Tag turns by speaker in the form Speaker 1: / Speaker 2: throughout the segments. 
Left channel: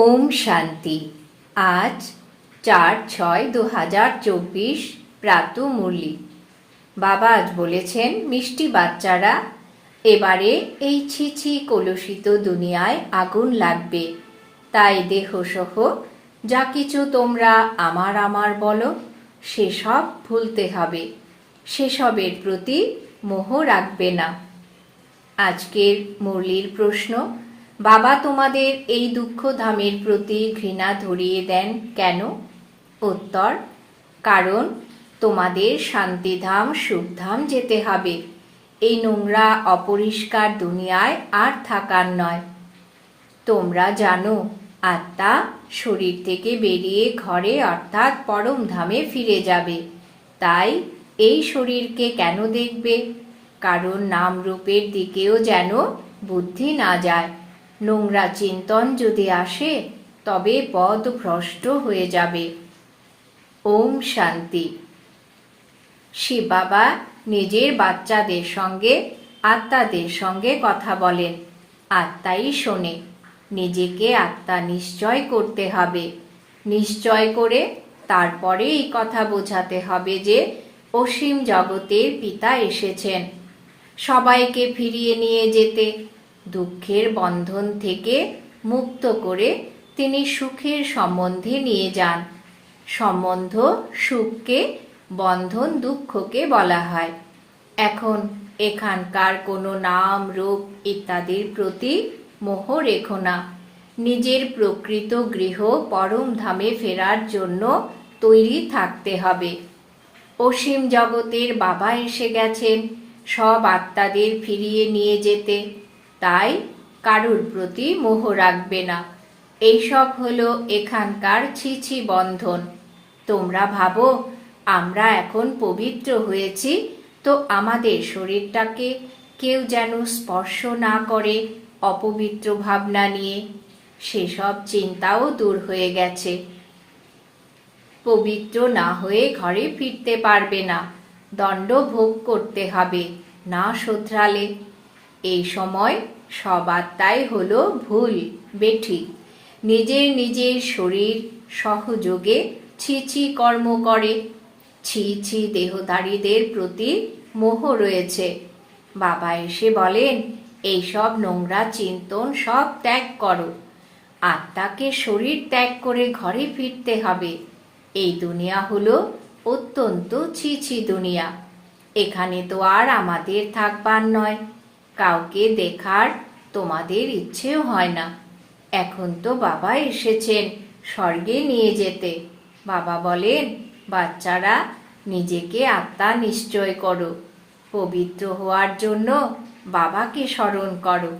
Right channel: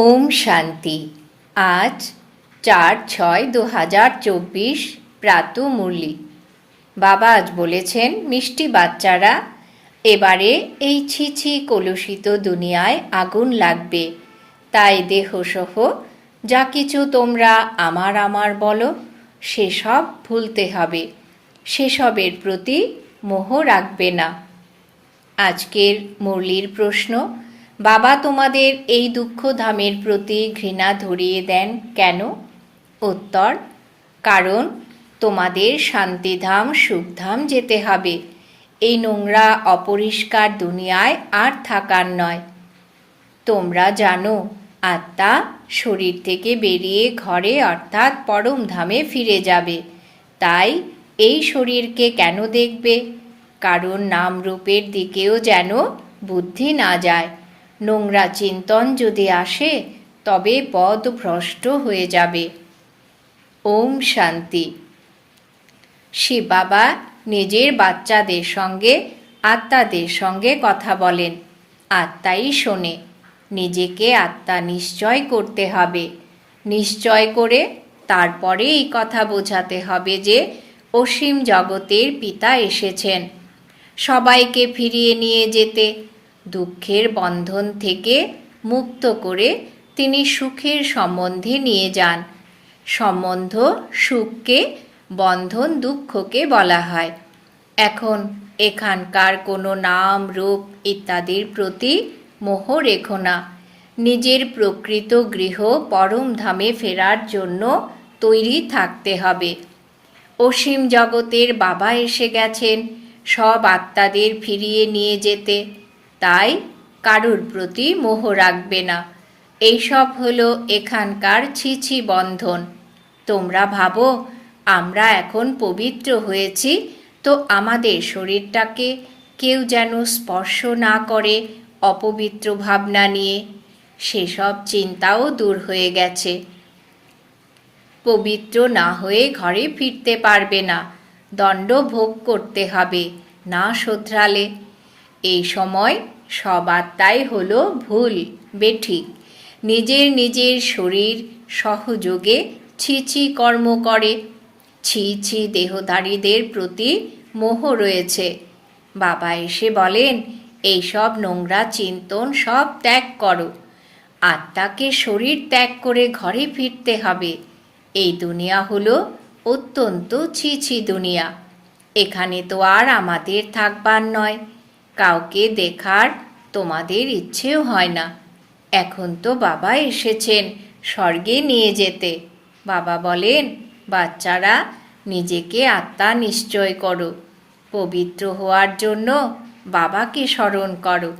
Speaker 1: ওম শান্তি। আজ চার ছয় দু হাজার চব্বিশ প্রাত মুরলি। বাবা আজ বলেছেন, মিষ্টি বাচ্চারা, এবারে এই ছিছি কলুষিত দুনিয়ায় আগুন লাগবে। তাই দেহসহ যা কিছু তোমরা আমার আমার বলো, সেসব ভুলতে হবে। সেসবের প্রতি মোহ রাখবে না। আজকের মুরলির প্রশ্ন বাবা তোমাদের এই দুঃখধামের প্রতি ঘৃণা ধরিয়ে দেন কেন? উত্তর, কারণ তোমাদের শান্তিধাম, সুখধাম যেতে হবে। এই নোংরা, অপরিষ্কার দুনিয়ায় আর থাকার নয়। তোমরা জানো, আত্মা শরীর থেকে বেরিয়ে ঘরে অর্থাৎ পরম ধামে ফিরে যাবে। তাই এই শরীরকে কেন দেখবে? কারণ নাম রূপের দিকেও যেন বুদ্ধি না যায়। নোংরা চিন্তন যদি আসে, তবে পদ ভ্রষ্ট হয়ে যাবে। ওম শান্তি। শিব বাবা নিজের বাচ্চাদের সঙ্গে, আত্মাদের সঙ্গে কথা বলেন। আত্মাই শোনে। নিজেকে আত্মা নিশ্চয় করতে হবে। নিশ্চয় করে তারপরে এই কথা বোঝাতে হবে যে, অসীম জগতের পিতা এসেছেন। সবাইকে ফিরিয়ে নিয়ে যেতে দুঃখের বন্ধন থেকে মুক্ত করে তিনি সুখের সম্বন্ধে নিয়ে যান। সম্বন্ধ সুখকে, বন্ধন দুঃখকে বলা হয়। এখন এখানকার কোনো নাম, রূপ ইত্যাদির প্রতি মোহ রেখো না। নিজের প্রকৃত গৃহ পরম ধামে ফেরার জন্য তৈরি থাকতে হবে। অসীম জগতের বাবা এসে গেছেন। সব আত্মাদের ফিরিয়ে নিয়ে যেতে। তাই কারুর প্রতি মোহ রাখবে না। এইসব হলো এখানকার ছিছি বন্ধন। তোমরা ভাবো, আমরা এখন পবিত্র হয়েছি, তো আমাদের শরীরটাকে কেউ যেন স্পর্শ না করে অপবিত্র ভাবনা নিয়ে। সেসব চিন্তাও দূর হয়ে গেছে। পবিত্র না হয়ে ঘরে ফিরতে পারবে না। দণ্ড ভোগ করতে হবে, না শোধরালে। এই সময় সব আত্মাই হলো ভুল বেঠিক নিজের নিজের শরীর সহযোগে ছিছি কর্ম করে। ছি ছি দেহধারীদের প্রতি মোহ রয়েছে। বাবা এসে বলেন এইসব নোংরা চিন্তন সব ত্যাগ করো। আত্মাকে শরীর ত্যাগ করে ঘরে ফিরতে হবে। এই দুনিয়া হলো অত্যন্ত ছি ছি দুনিয়া। এখানে তো আর আমাদের থাকবার নয়। কাউকে দেখার তোমাদের ইচ্ছেও হয় না। এখন তো বাবা এসেছেন স্বর্গে নিয়ে যেতে। বাবা বলেন, বাচ্চারা, নিজেকে আত্মা নিশ্চয় করো। পবিত্র হওয়ার জন্য বাবাকে স্মরণ করো।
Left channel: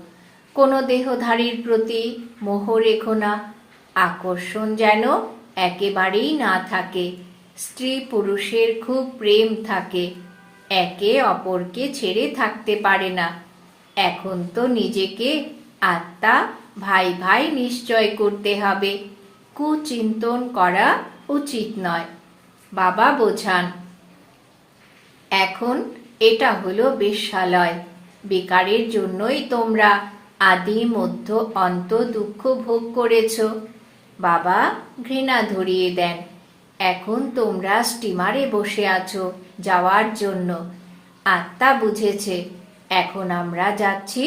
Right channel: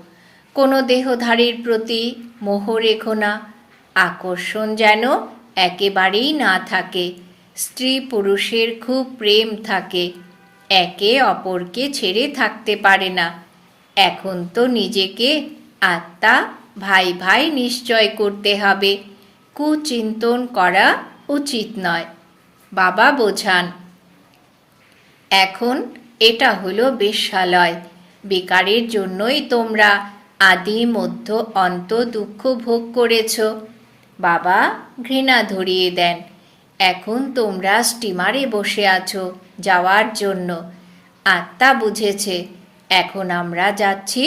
Speaker 1: কোনো দেহধারীর প্রতি মোহ রেখো না। আকর্ষণ যেন একেবারেই না থাকে। স্ত্রী পুরুষের খুব প্রেম থাকে। একে অপরকে ছেড়ে থাকতে পারে না। এখন তো নিজেকে আত্মা ভাই ভাই নিশ্চয় করতে হবে। কুচিন্তন করা উচিত নয়। বাবা বোঝান, এখন এটা হলো বেশ্যালয়। বেকারের জন্যই তোমরা আদি, মধ্য, অন্ত দুঃখ ভোগ করেছ। বাবা ঘৃণা ধরিয়ে দেন, এখন তোমরা স্টিমারে বসে আছো যাওয়ার জন্য। আত্মা বুঝেছে এখন আমরা যাচ্ছি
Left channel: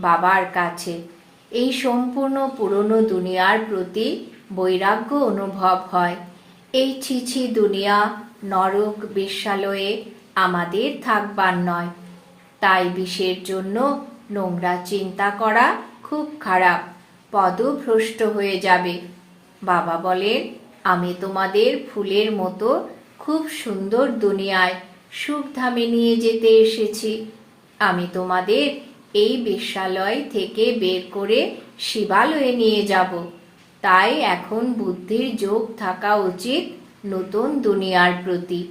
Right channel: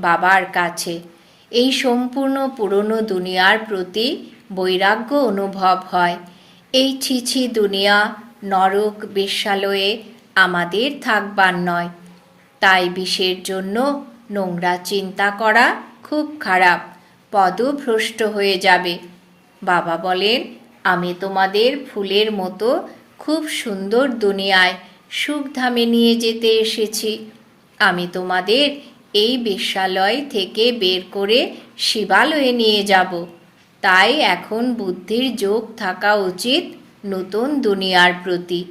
Speaker 1: বাবার কাছে। এই সম্পূর্ণ পুরনো দুনিয়ার প্রতি বৈরাগ্য অনুভব হয়। এই ছিছি দুনিয়া নরক বেশ্যালয়ে আমাদের থাকবার নয়। তাই বিষের জন্য নোংরা চিন্তা করা খুব খারাপ, পদভ্রষ্ট হয়ে যাবে। বাবা বলেন, আমি তোমাদের ফুলের মতো খুব সুন্দর দুনিয়ায় সুখধামে নিয়ে যেতে এসেছি। আমি তোমাদের এই বিশ্বালয় থেকে বের করে শিবালয়ে নিয়ে যাব। তাই এখন বুদ্ধির যোগ থাকা উচিত নতুন দুনিয়ার প্রতি।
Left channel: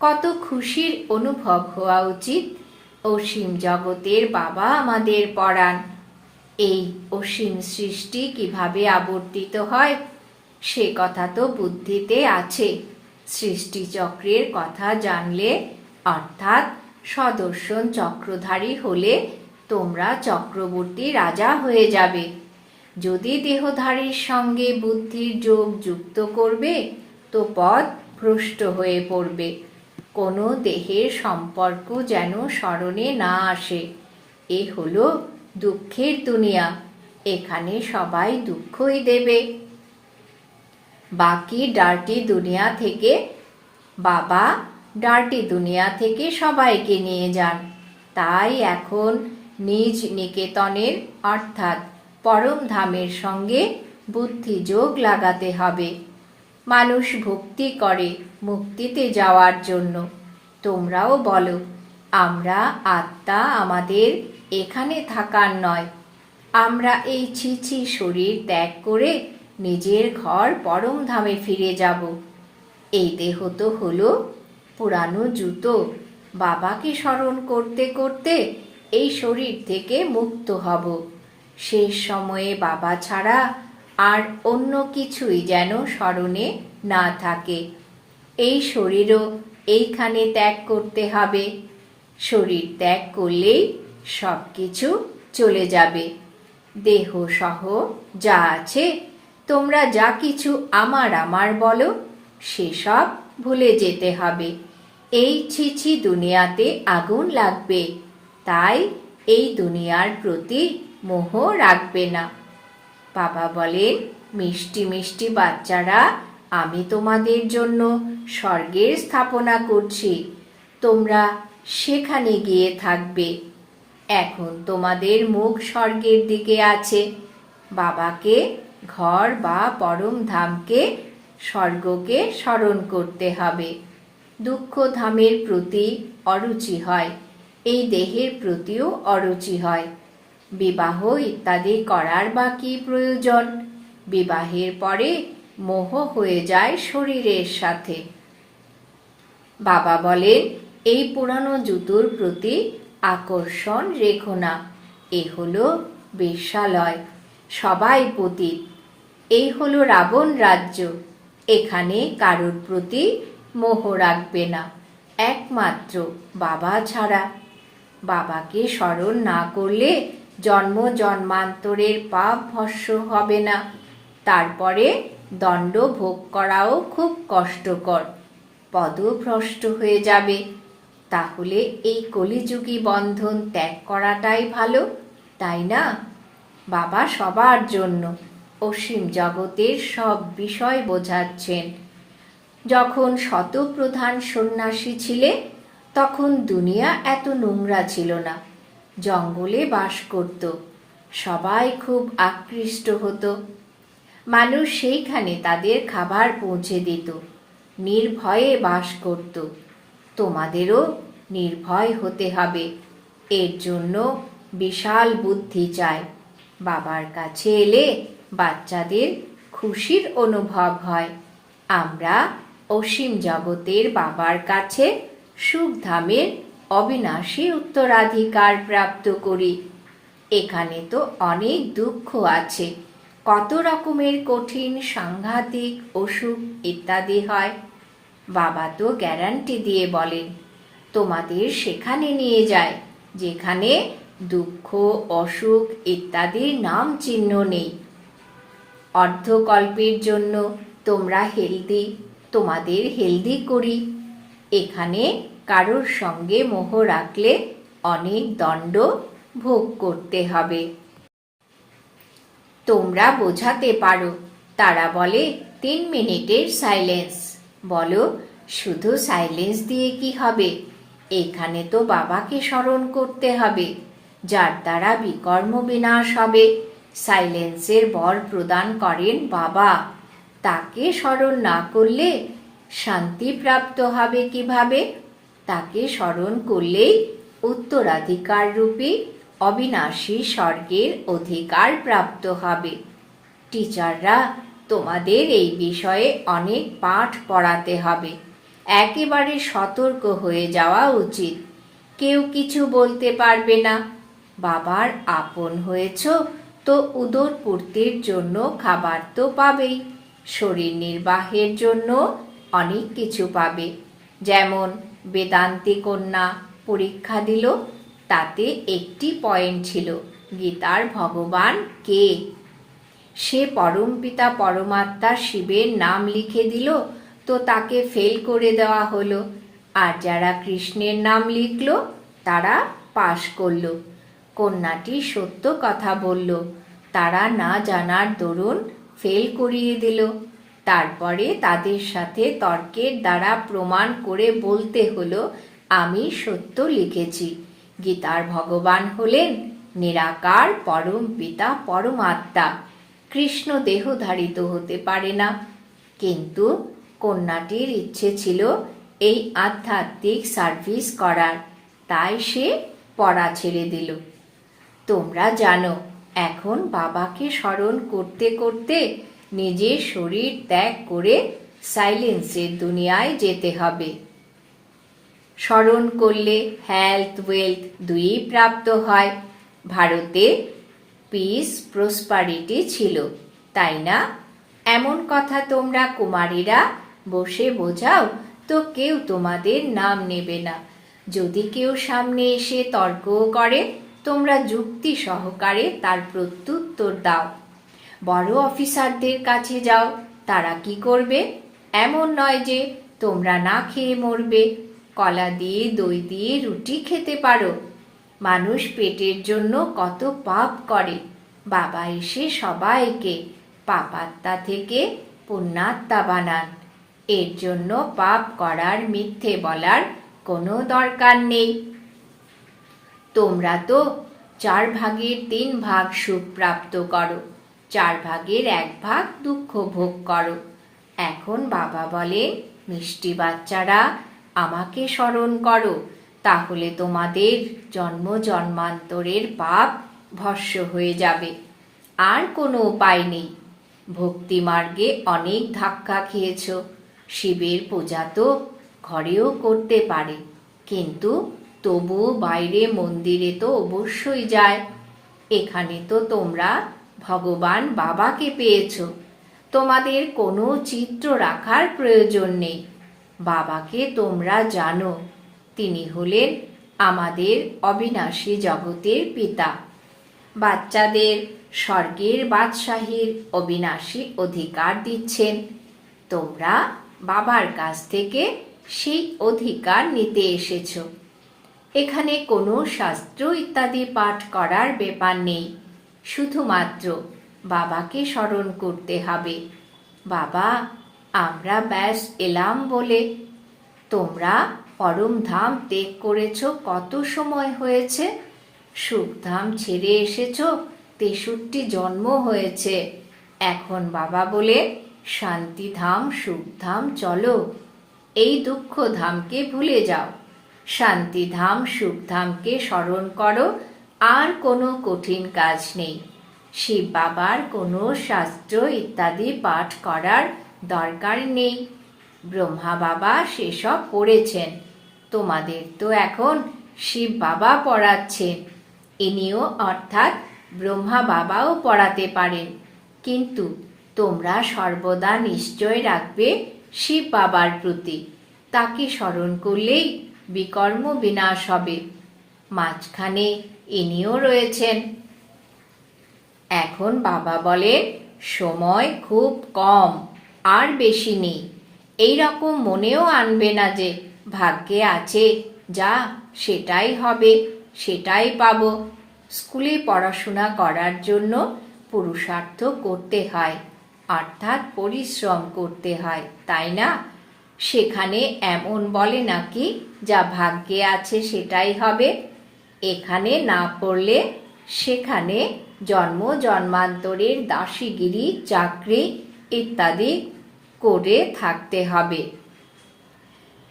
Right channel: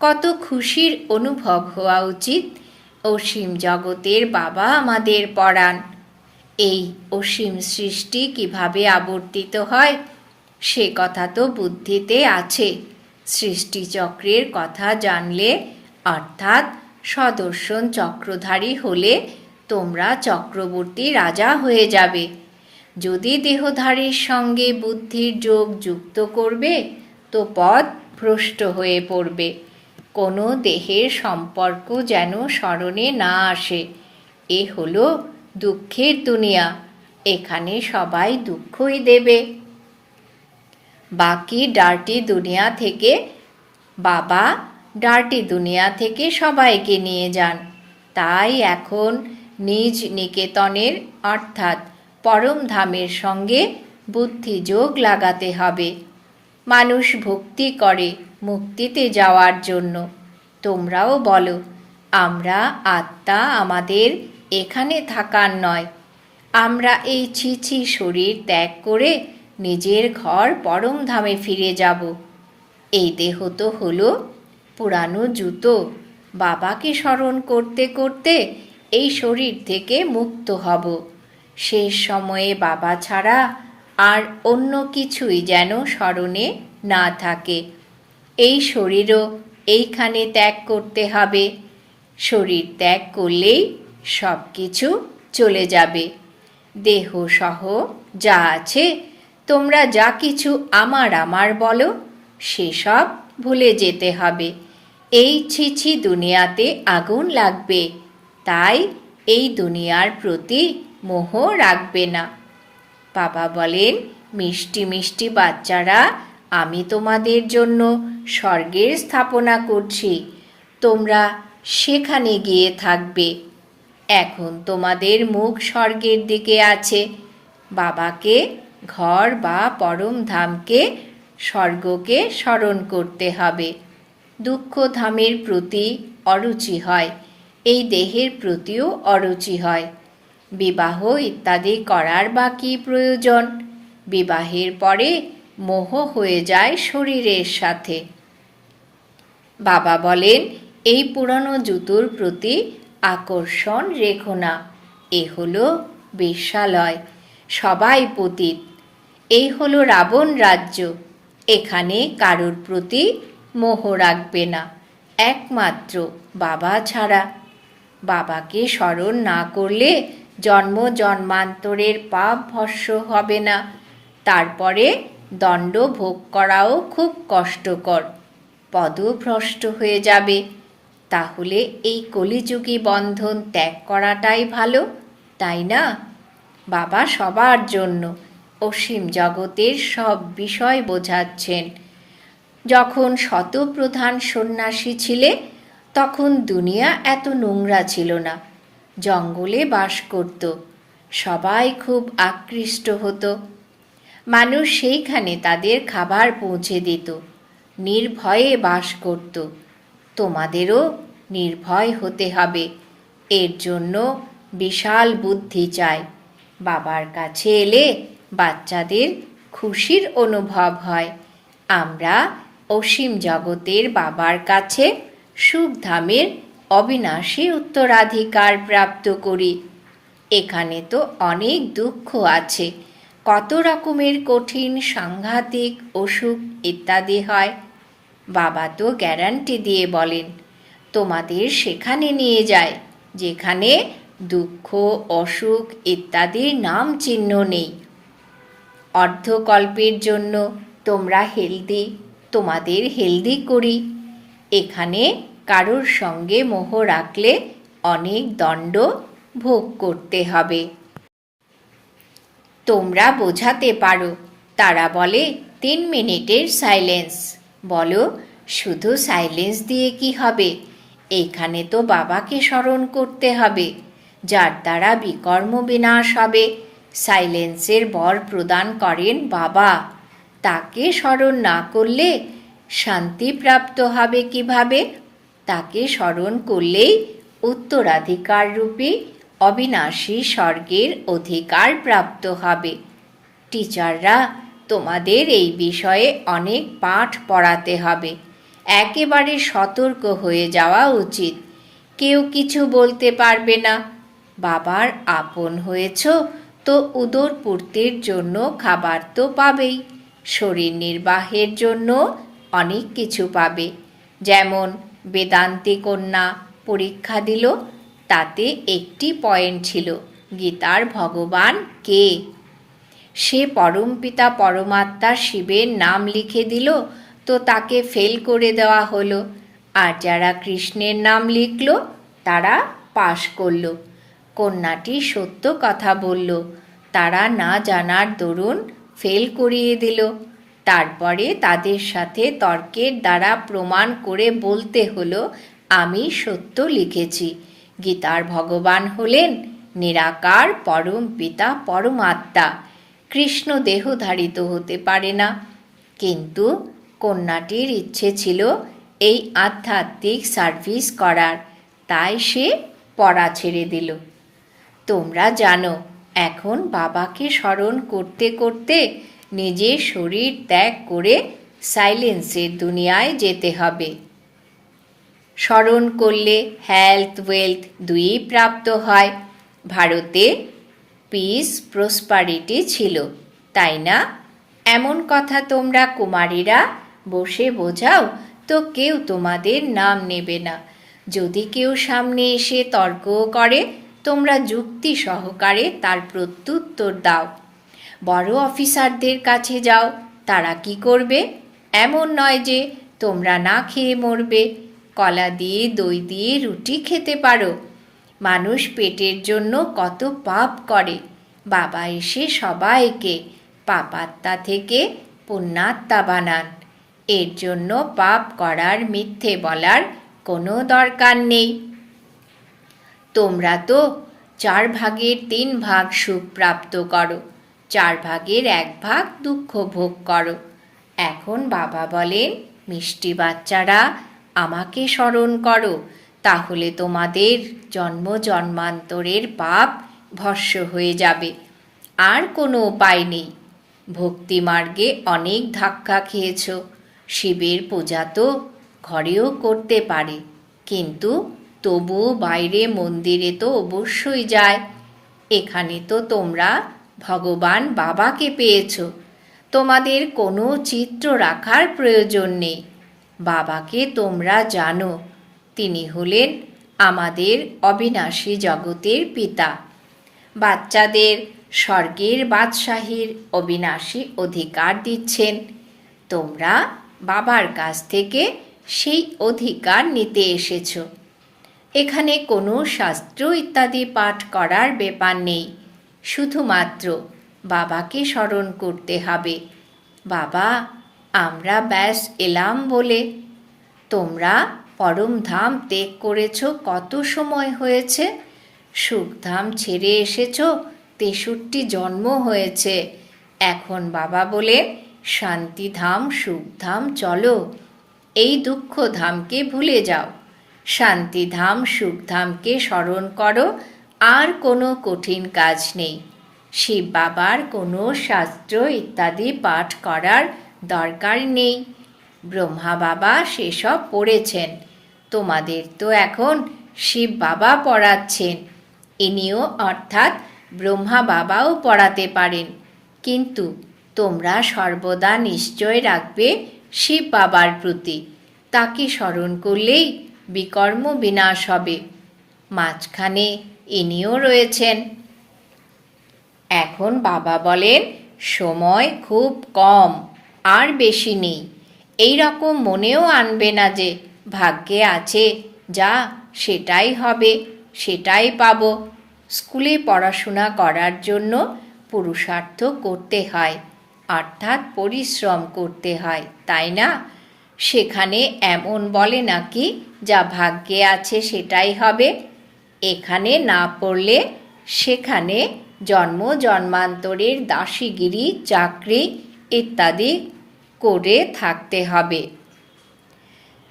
Speaker 1: কত খুশির অনুভব হওয়া উচিত অসীম জগতের বাবা আমাদের পড়ান এই অসীম সৃষ্টি কীভাবে আবর্তিত হয়, সে কথা তো বুদ্ধিতে আছে। সৃষ্টিচক্রের কথা জানলে, অর্থাৎ সদর্শন চক্রধারী হলে তোমরা চক্রবর্তী রাজা হয়ে যাবে। যদি দেহধারীর সঙ্গে বুদ্ধির যোগ যুক্ত করবে, তো পদ ভ্রষ্ট হয়ে পড়বে। কোনো দেহের সম্পর্ক যেন স্মরণে না আসে। এ হলো দুঃখের দুনিয়া। এখানে সবাই দুঃখই দেবে। বাকি ডার্টি দুনিয়া থেকে বাবা ডার্টি দুনিয়া থেকে সবাইকে নিয়ে যান। তাই এখন নিজ নিকেতনের, অর্থাৎ পরম ধামের সঙ্গে বুদ্ধি যোগ লাগাতে হবে। মানুষ ভক্তি করে মুক্তিতে যাওয়ার জন্য। তোমরাও বলো, আমরা আত্মা আমাদের এখানে থাকার নয়। আমরা এই ছিছি শরীর ত্যাগ করে নিজের ঘর পরম ধামে ফিরে যাব। এই দেহ তো হলো পুরানো জুতো। বাবাকে স্মরণ করতে করতে এই শরীর থেকে মুক্ত হব। শেষ সময়ে বাবা ছাড়া আর অন্য কিছুই যেন স্মরণে না থাকে। এই শরীরও এইখানে ত্যাগ করতে হবে। শরীর ত্যাগ করলেই সব কিছু চলে যাবে। দেহ সহ যা আছে, তোমরা যা কিছু আমার আমার বলো, সেসব ভুলে যেতে হবে। এই ছিছি দুনিয়াতে আগুন লাগবে। তাই এই দুনিয়ার প্রতি মোহ রাখবে না। বাবা বলেন, মিষ্টি মিষ্টি বাচ্চারা, আমি তোমাদের জন্য স্বর্গের স্থাপনা করছি। তোমরা সেখানে গিয়ে থাকবে। এখন তোমাদের মুখ স্বর্গের দিকে আছে। বাবাকে ঘর বা পরম ধামকে স্বর্গকে স্মরণ করতে হবে। দুঃখ ধামের প্রতি অরুচি হয়, এই দেহের প্রতিও অরুচি হয়। বিবাহ ইত্যাদি করার বা কী প্রয়োজন। বিবাহের পরে মোহ হয়ে যায় শরীরের সাথে। বাবা বলেন, এই পুরানো জুতোর প্রতি আকর্ষণ রেখো না, এ হলো বেশ্যালয় সবাই পতীত। এই হলো রাবণ রাজ্য, এখানে কারোর প্রতি মোহ রাখবে না। একমাত্র বাবা ছাড়া। বাবাকে স্মরণ না করলে জন্ম জন্মান্তরের পাপ ভস্য হবে না। তারপরে দণ্ড ভোগ করাও খুব কষ্টকর। পদভ্রষ্ট হয়ে যাবে। তাহলে এই কলিযুগী বন্ধন ত্যাগ করাটাই ভালো, তাই না? বাবা সবার জন্য অসীম জগতের সব বিষয় বোঝাচ্ছেন। যখন শতপ্রধান সন্ন্যাসী ছিলে, তখন দুনিয়া এত নোংরা ছিল না। জঙ্গলে বাস করত। সবাই খুব আকৃষ্ট হতো। মানুষ সেইখানে তাদের খাবার পৌঁছে দিত। নির্ভয়ে বাস করত। তোমাদেরও নির্ভয় হতে হবে। এর জন্য বিশাল বুদ্ধি চায় বাবার কাছে এলে বাচ্চাদের খুশির অনুভব হয়। আমরা অসীম জগতের বাবার কাছে সুখধামের অবিনাশী উত্তরাধিকার প্রাপ্ত করি। এখানে তো অনেক দুঃখ আছে। কত রকমের কঠিন সাংঘাতিক অসুখ ইত্যাদি হয়। বাবা তো গ্যারান্টি দিয়ে বলেন, তোমাদের সেখানে নিয়ে যায়, যেখানে দুঃখ, অসুখ ইত্যাদির নাম চিহ্ন নেই। অর্ধকল্পের জন্য তোমরা হেলদি তোমাদের হেলদি করি। এখানে কারোর সঙ্গে মোহ রাখলে অনেক দণ্ড ভোগ করতে হবে। তোমরা বোঝাতে পারো। তারা বলে, তিন মিনিটের সাইলেন্স। বলো, শুধু সাইলেন্স দিয়ে কি হবে? এখানে তো বাবাকে স্মরণ করতে হবে। যার দ্বারা বিকর্ম বিনাশ হবে। সাইলেন্সের বর প্রদান করেন বাবা। তাকে স্মরণ না করলে শান্তি প্রাপ্ত হবে কীভাবে? তাকে স্মরণ করলেই উত্তরাধিকার রূপে অবিনাশী স্বর্গের অধিকার প্রাপ্ত হবে। টিচাররা, তোমাদের এই বিষয়ে অনেক পাঠ পড়াতে হবে। একেবারে সতর্ক হয়ে যাওয়া উচিত। কেউ কিছু বলতে পারবে না। বাবার আপন হয়েছ, তো উদর পূর্তির জন্য খাবার তো পাবেই। শরীর নির্বাহের জন্য অনেক কিছু পাবে। যেমন বেদান্তি কন্যা পরীক্ষা দিল, তাতে একটি পয়েন্ট ছিল, গীতার ভগবান কে? সে পরমপিতা পরমাত্মা শিবের নাম লিখে দিল, তো তাকে ফেল করে দেওয়া হলো। আর যারা কৃষ্ণের নাম লিখলো, তারা পাশ করল। কন্যাটি সত্য কথা বলল, তারা না জানার দরুন ফেল করিয়ে দিল। তারপরে তাদের সাথে তর্কের দ্বারা প্রমাণ করে বলতে হলো, আমি সত্য লিখেছি। গীতার ভগবান হলেন নিরাকার পরম পিতা পরমাত্মা। কৃষ্ণ দেহধারিত হতে পারে না। কিন্তু কন্যাটির ইচ্ছে ছিল এই আধ্যাত্মিক সার্ভিস করার। তাই সে পড়া ছেড়ে দিল। তোমরা জানো এখন বাবাকে স্মরণ করতে করতে নিজের শরীর ত্যাগ করে সাইলেন্সের দুনিয়ায় যেতে হবে। স্মরণ করলে হেলথ ওয়েলথ দুইই প্রাপ্ত হয়। ভারতে পিস প্রসপারিটি ছিল, তাই না? এমন কথা তোমরা কুমারীরা বসে বোঝাও তো কেউ তোমাদের নাম নেবে না। যদি কেউ সামনে এসে তর্কও করে তোমরা যুক্তি সহকারে তার প্রত্যুত্তর দাও। বড় অফিসারদের কাছে যাও, তারা কি করবে? এমন নয় যে তোমরা না খেয়ে মরবে। কলা দিয়ে, দই দিয়ে রুটি খেতে পারো। মানুষ পেটের জন্য কত পাপ করে। বাবা এসে সবাইকে পাপাত্মা থেকে পুণ্যাত্মা বানান। এর জন্য পাপ করার মিথ্যে বলার কোনো দরকার নেই। তোমরা তো চার ভাগের তিন ভাগ সুখ প্রাপ্ত করো, চার ভাগের এক ভাগ দুঃখ ভোগ করো। এখন বাবা বলেন মিষ্টি বাচ্চারা, আমাকে স্মরণ করো, তাহলে তোমাদের জন্ম জন্মান্তরের পাপ ভস্য হয়ে যাবে। আর কোনো উপায় নেই। ভক্তি মার্গে অনেক ধাক্কা খেয়েছ। শিবের পূজা তো ঘরেও করতে পারে, কিন্তু তবুও বাইরে মন্দিরে তো অবশ্যই যায়। এখানে তো তোমরা ভগবান বাবাকে পেয়েছ। তোমাদের কোনো চিত্র রাখার প্রয়োজন নেই। বাবাকে তোমরা জানো, তিনি হলেন আমাদের অবিনাশী জগতের পিতা। বাচ্চাদের স্বর্গের বাদশাহীর অবিনাশী অধিকার দিচ্ছেন। তোমরা বাবার কাছ থেকে সেই অধিকার নিতে এসেছ। এখানে কোনো শাস্ত্র ইত্যাদি পাঠ করার ব্যাপার নেই। শুধুমাত্র বাবাকে স্মরণ করতে হবে। বাবা, আমরা ব্যাস এলাম বলে। তোমরা পরমধাম ত্যাগ করেছ, কত সময় হয়েছে? সুখধাম ছেড়ে এসেছ, তেষট্টি জন্ম হয়েছে। এখন বাবা বলে শান্তিধাম সুখধাম চলো। এই দুঃখ ধামকে ভুলে যাও। শান্তিধাম, সুখধামকে স্মরণ করো, আর কোনো কঠিন কাজ নেই। শিব বাবার কোনো শাস্ত্র ইত্যাদি পাঠ করার দরকার নেই। ব্রহ্মা বাবা সেসব পড়েছেন। তোমাদের তো এখন শিব বাবা পড়াচ্ছেন। ইনিও অর্থাৎ ব্রহ্মা বাবাও পড়াতে পারেন। কিন্তু তোমরা সর্বদা নিশ্চয় রাখবে শিব বাবার প্রতি। তাকে স্মরণ করলেই বিকর্ম বিনাশ হবে। মাঝখানে ইনিও রয়েছেন। এখন বাবা বলেন, সময় খুব কম, আর বেশি নেই। এই রকম মনেও আনবে না যে, ভাগ্যে আছে, যা সেটাই হবে, সেটাই পাব। স্কুলে পড়াশোনা করার জন্য পুরুষার্থ করতে হয়, অর্থাৎ পরিশ্রম করতে হয়, তাই না? সেখানে এমন বলে নাকি, যা ভাগ্যে আছে সেটাই হবে। এখানে না পড়লে সেখানে জন্ম, জন্মান্তরের দাসীগিরি, চাকরি ইত্যাদি করে থাকতে হবে।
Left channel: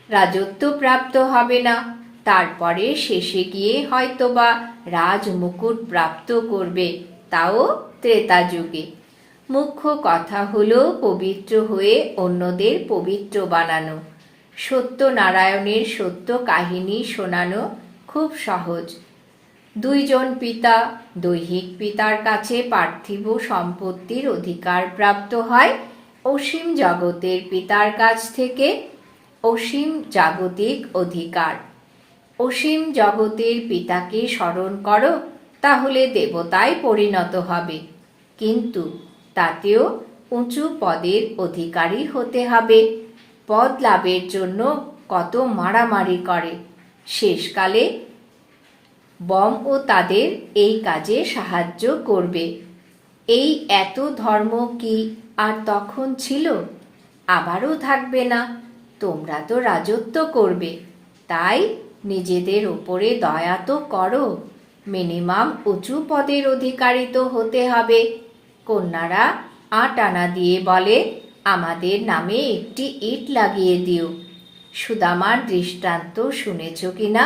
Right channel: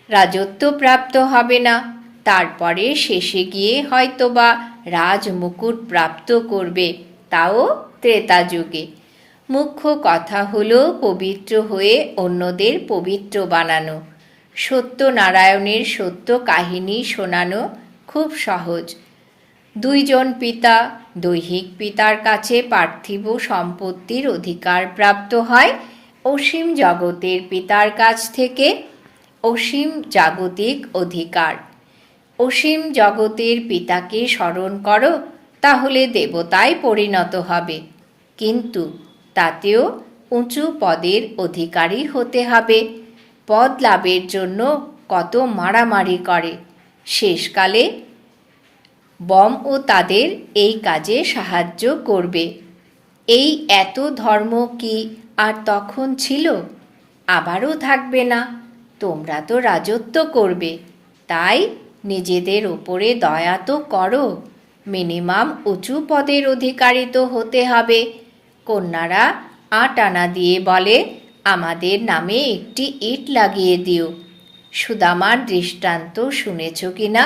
Speaker 1: রাজত্ব প্রাপ্ত হবে না। তারপরে শেষে গিয়ে হয়তোবা রাজমুকুট প্রাপ্ত করবে। তাও ত্রেতা যুগে। মুখ্য কথা হলো পবিত্র হয়ে অন্যদের পবিত্র বানানো। সত্যনারায়ণের সত্য কাহিনী শোনানো খুব সহজ। দুইজন পিতা, দৈহিক পিতার কাছে পার্থিব সম্পত্তির অধিকার প্রাপ্ত হয় অসীম জগতের পিতার কাছ থেকে অসীম জাগতিক অধিকার। অসীম জগতের পিতাকে স্মরণ করো, তাহলে দেবতায় পরিণত হবে। কিন্তু তাতেও উঁচু পদের অধিকারী হতে হবে। পদ লাভের জন্য কত মারামারি করে। শেষকালে বম ও তাদের এই কাজে সাহায্য করবে। এই এত ধর্ম কি আর তখন ছিল? আবারও থাকবে না। তোমরা তো রাজত্ব করবে। তাই নিজেদের ওপরে দয়া তো করো। মিনিমাম উঁচু পদের অধিকারী তো হতে হবে। কন্যারা আট আনা দিয়ে বলে, আমাদের নামে একটি ইট লাগিয়ে দিও। সুদামার দৃষ্টান্ত শুনেছ কি না?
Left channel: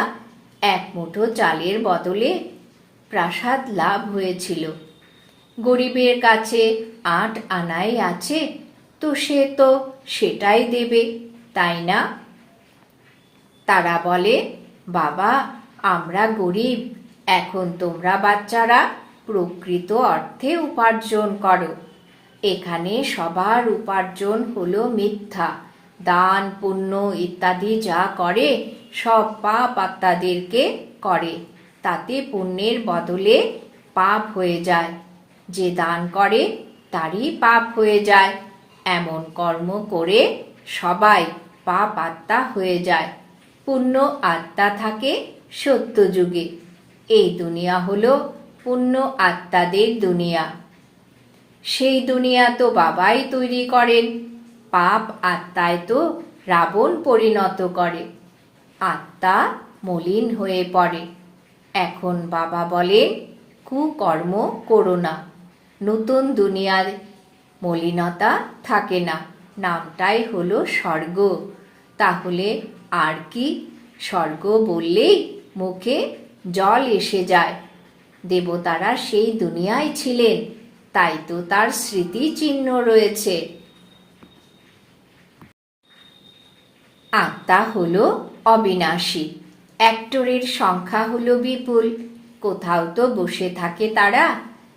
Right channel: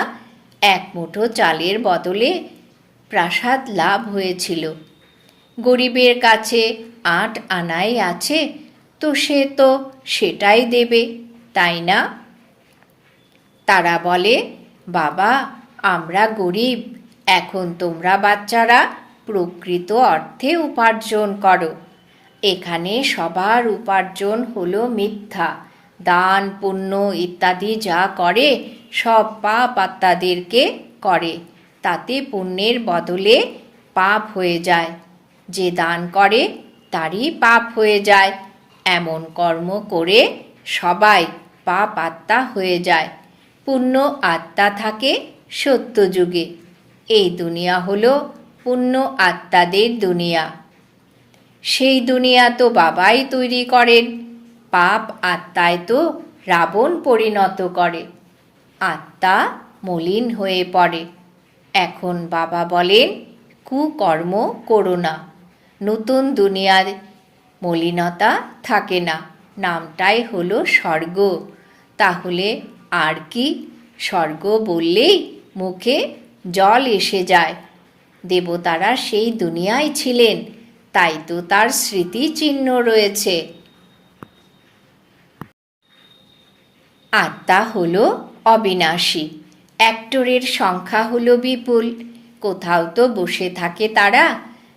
Speaker 1: এক মুঠো চালের বদলে প্রাসাদ লাভ হয়েছিল। গরিবের কাছে আট আনাই আছে, তো সে তো সেটাই দেবে, তাই না? তারা বলে, বাবা, আমরা গরিব, এখন তোমরা বাচ্চারা প্রকৃত অর্থে উপার্জন করো। এখানে সবার উপার্জন হলো মিথ্যা। দান, পুণ্য ইত্যাদি যা করে, সব পাপ আত্মাদেরকে করে। তাতে পুণ্যের বদলে পাপ হয়ে যায়। যে দান করে, তারই পাপ হয়ে যায়। এমন কর্ম করে সবাই পাপ আত্মা হয়ে যায়। পুণ্য আত্মা থাকে সত্য যুগে এই দুনিয়া হলো পুণ্য আত্মাদের দুনিয়া। সেই দুনিয়া তো বাবাই তৈরি করেন, পাপ আত্মায় তো রাবণ পরিণত করে। আত্মা মলিন হয়ে পড়ে। এখন বাবা বলেন, কুকর্ম করো না, নতুন দুনিয়ার মলিনতা থাকে না, নামটাই হলো স্বর্গ। তাহলে আর কি স্বর্গ বললেই মুখে জল এসে যায়? দেবতারা সেই দুনিয়ায় ছিলেন, তাই তো তার স্মৃতি চিহ্ন রয়েছে। আত্মা হল অবিনাশী অ্যাক্টরের সংখ্যা হলো বিপুল। কোথাও তো বসে থাকে তারা,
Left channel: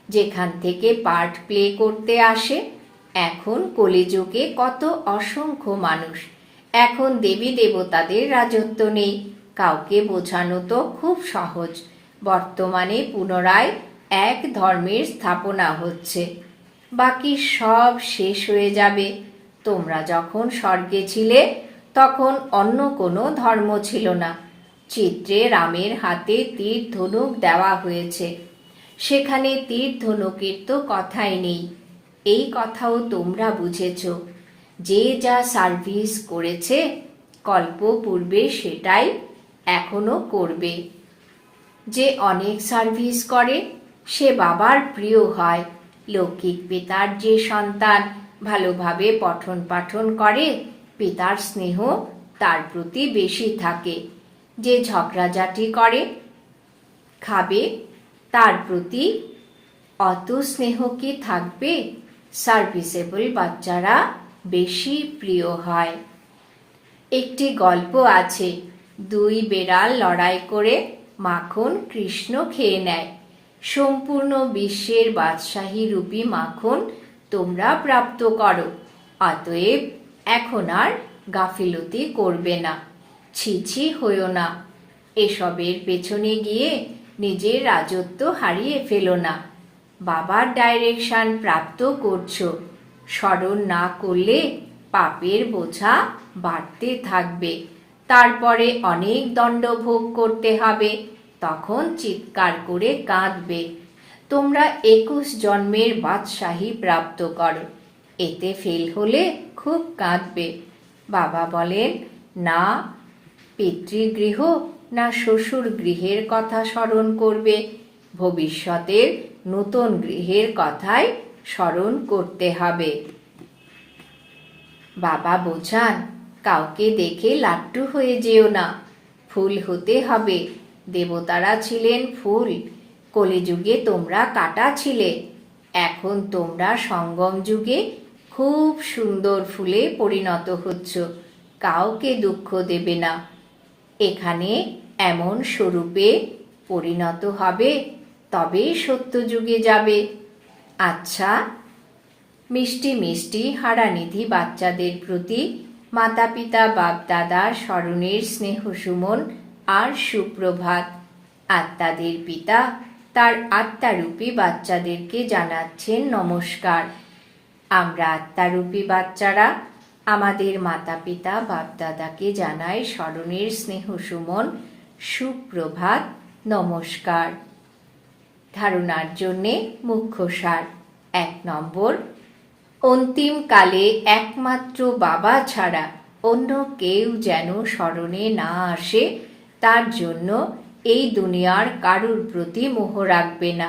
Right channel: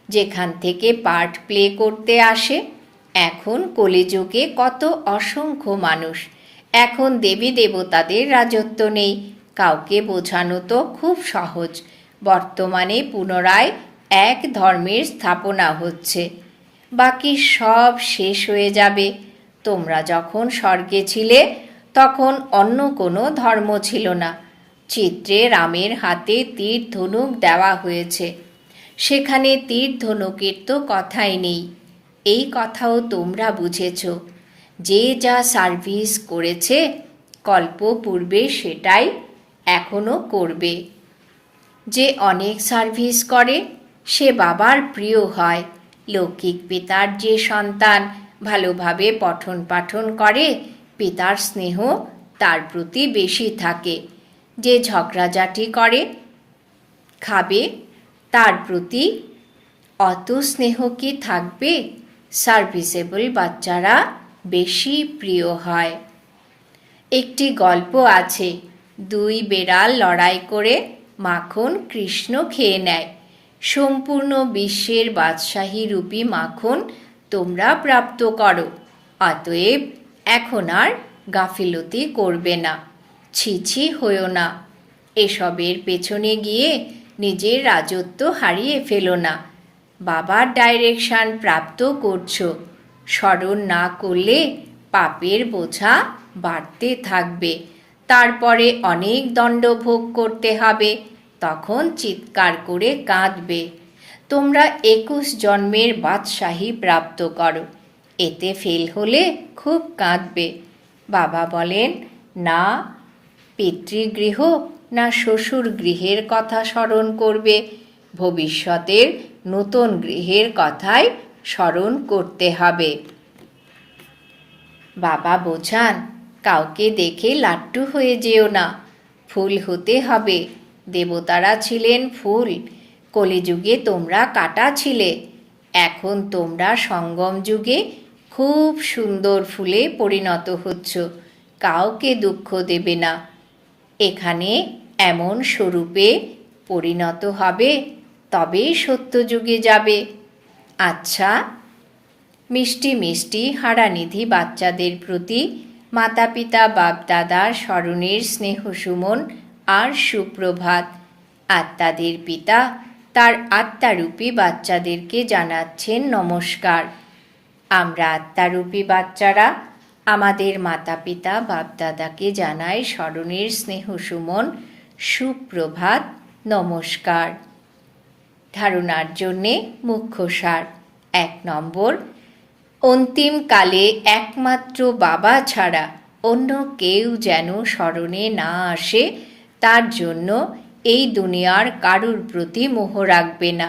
Speaker 1: যেখান থেকে পার্ট প্লে করতে আসে। এখন কলিযুগে কত অসংখ্য মানুষ, এখন দেবী দেবতাদের রাজত্ব নেই, কাউকে বোঝানো তো খুব সহজ। বর্তমানে পুনরায় এক ধর্মের স্থাপনা হচ্ছে। বাকি সব শেষ হয়ে যাবে। তোমরা যখন স্বর্গে ছিলে, তখন অন্য কোনো ধর্ম ছিল না। চিত্রে রামের হাতে তীর ধনুক দেওয়া হয়েছে। সেখানে তীর ধনুকের তো কথাই নেই। এই কথাও তোমরা বুঝেছ। যে যা সার্ভিস করেছে কল্প পূর্বে সেটাই এখনও করবে। যে অনেক সার্ভিস করে, সে বাবার প্রিয় হয়। লৌকিক পিতার যে সন্তান ভালোভাবে পঠন পাঠন করে, পিতার স্নেহ তার প্রতি বেশি থাকে। যে ঝগড়াঝাটি করে, খাবে, তার প্রতি অত স্নেহ কি থাকবে? সার্ভিসেবল বাচ্চারা বেশি প্রিয় হয়। একটি গল্প আছে, দুই বেড়াল লড়াই করে মাখন কৃষ্ণ খেয়ে নেয়। সম্পূর্ণ বিশ্বের বাদশাহী রূপী মাখন তোমরা প্রাপ্ত করো। অতএব এখন আর গাফিলতি করবে না ছিছি হয়েও না। এসবের পেছনে গিয়ে নিজের রাজত্ব হারিয়ে ফেলো না। বাবার ডাইরেকশন প্রাপ্ত করছ। স্মরণ না করলে পাপের বোঝা বাড়তে থাকবে। তারপরে অনেক দণ্ড ভোগ করতে হবে। তখন চিৎকার করে কাঁদবে। তোমরা একুশ জন্মের বাদশাহী প্রাপ্ত করো। এতে ফেল হলে খুব কাঁদবে। বাবা বলেন, না, পিতৃগৃহ না শ্বশুর গৃহের কথা স্মরণ করবে। ভবিষ্যতের নতুন গৃহের কথাই স্মরণ করতে হবে। বাবা বোঝান কাউকে দেখে লাট্টু হয়ে যেও না। ফুল হতে হবে। দেবতারা ছিলেন ফুল। কলিযুগে তোমরা কাটা ছিলে। এখন তোমরা সঙ্গম যুগে খুব সুন্দর ফুলে পরিণত হচ্ছ। কাউকে দুঃখ দেবে না। এখানে এমন স্বরূপে পরিণত হবে, তবে সত্যযুগে যাবে। আচ্ছা মিষ্টি মিষ্টি হারানিধি বাচ্চাদের প্রতি মাতা পিতা বাপদাদার স্মরণের স্নেহ সুমন, আর সুপ্রভাত। আত্মাদের পিতা, তার আত্মারূপী বাচ্চাদেরকে জানাচ্ছেন নমস্কার। আমরা আত্মারূপী বাচ্চারা, আমাদের মাতা পিতা বাপদাদাকে জানাই স্মরণের স্নেহ সুমন, সুপ্রভাত, নমস্কার। ধারণার জন্যে মুখ্য সার, এক নম্বর অন্তিমকালে একমাত্র বাবা ছাড়া অন্য কেউ যেন স্মরণে না আসে, তার জন্য এই দুনিয়ার কারুর প্রতি মোহ রাখবে না।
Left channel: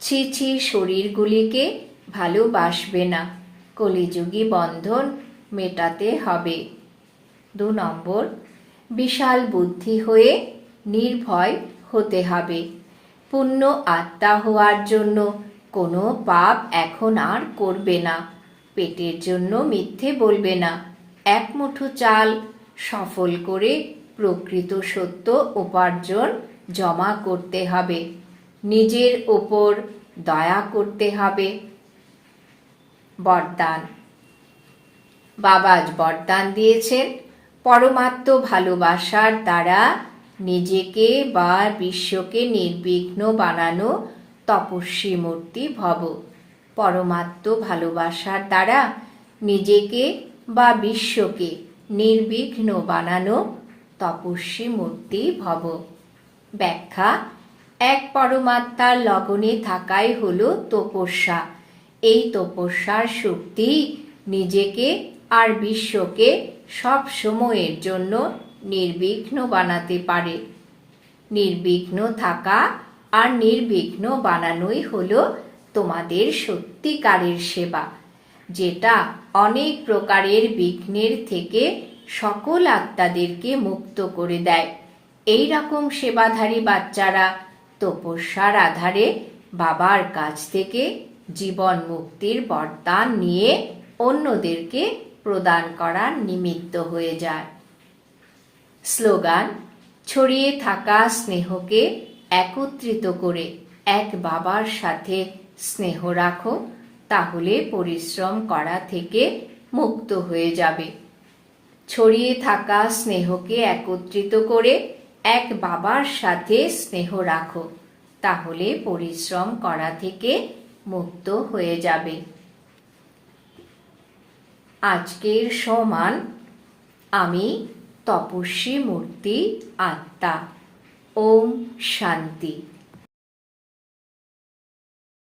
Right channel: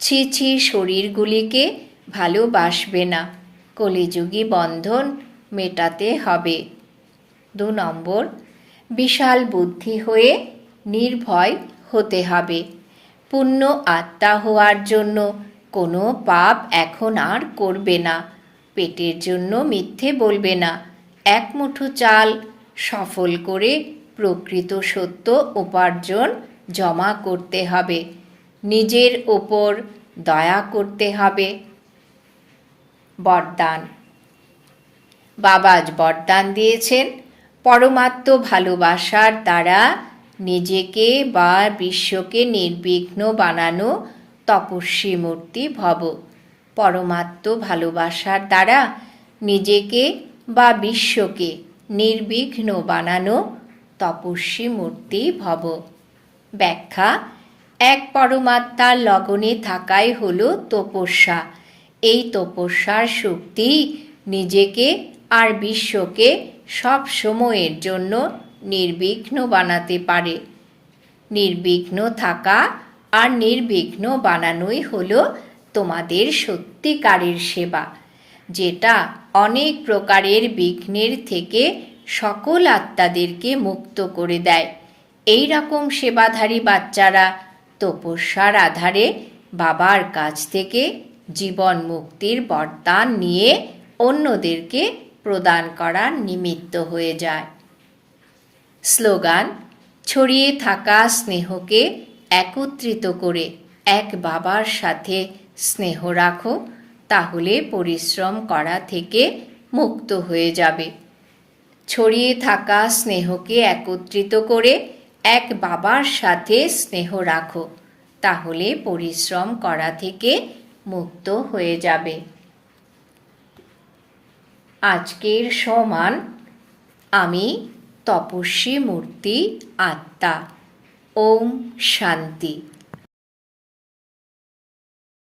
Speaker 1: ছি ছি শরীরগুলিকে ভালোবাসবে না। কলিযুগী বন্ধন মেটাতে হবে। দু নম্বর, বিশাল বুদ্ধি হয়ে নির্ভয় হতে হবে। পুণ্য আত্মা হওয়ার জন্য কোনো পাপ এখন আর করবে না, পেটের জন্য মিথ্যে বলবে না। এক মুঠো চাল সফল করে প্রকৃত সত্য উপার্জন জমা করতে হবে। নিজের ওপর দয়া করতে হবে। বরদান। বাবাজ বরদান দিয়েছেন। পরমাত্ম ভালোবাসার দ্বারা নিজেকে বা বিশ্বকে নির্বিঘ্ন বানানো তপস্বী মূর্তি ভব। পরমাত্ম ভালোবাসার দ্বারা নিজেকে বা বিশ্বকে নির্বিঘ্ন বানানো তপস্বী মূর্তি ভব। ব্যাখ্যা, এক পরমাত্মার লগনে থাকাই হল তপস্যা। এই তপস্যার শক্তি নিজেকে আর বিশ্বকে সব সময়ের জন্য নির্বিঘ্ন বানাতে পারে। নির্বিঘ্ন থাকা আর নির্বিঘ্ন বানানোই হলো তোমাদের সত্যিকারের সেবা, যেটা অনেক প্রকারের বিঘ্নের থেকে সকল আত্মাদেরকে মুক্ত করে দেয়। এই রকম সেবাধারী বাচ্চারা তপস্যার আধারে বাবার কাছ থেকে জীবন মুক্তির বরদান নিয়ে অন্যদেরকে প্রদান করার নিমিত্ত হয়ে যায়। স্লোগান, ছড়িয়ে থাকা স্নেহকে একত্রিত করে এক বাবার সাথে স্নেহ রাখো, তাহলে পরিশ্রম করা থেকে মুক্ত হয়ে যাবে। ছড়িয়ে থাকা স্নেহকে একত্রিত করে এক বাবার সাথে স্নেহ রাখো, তাহলে পরিশ্রম করা থেকে মুক্ত হয়ে যাবে। আজকের সমান, আমি তপস্বী মূর্তি আত্মা। ওম শান্তি।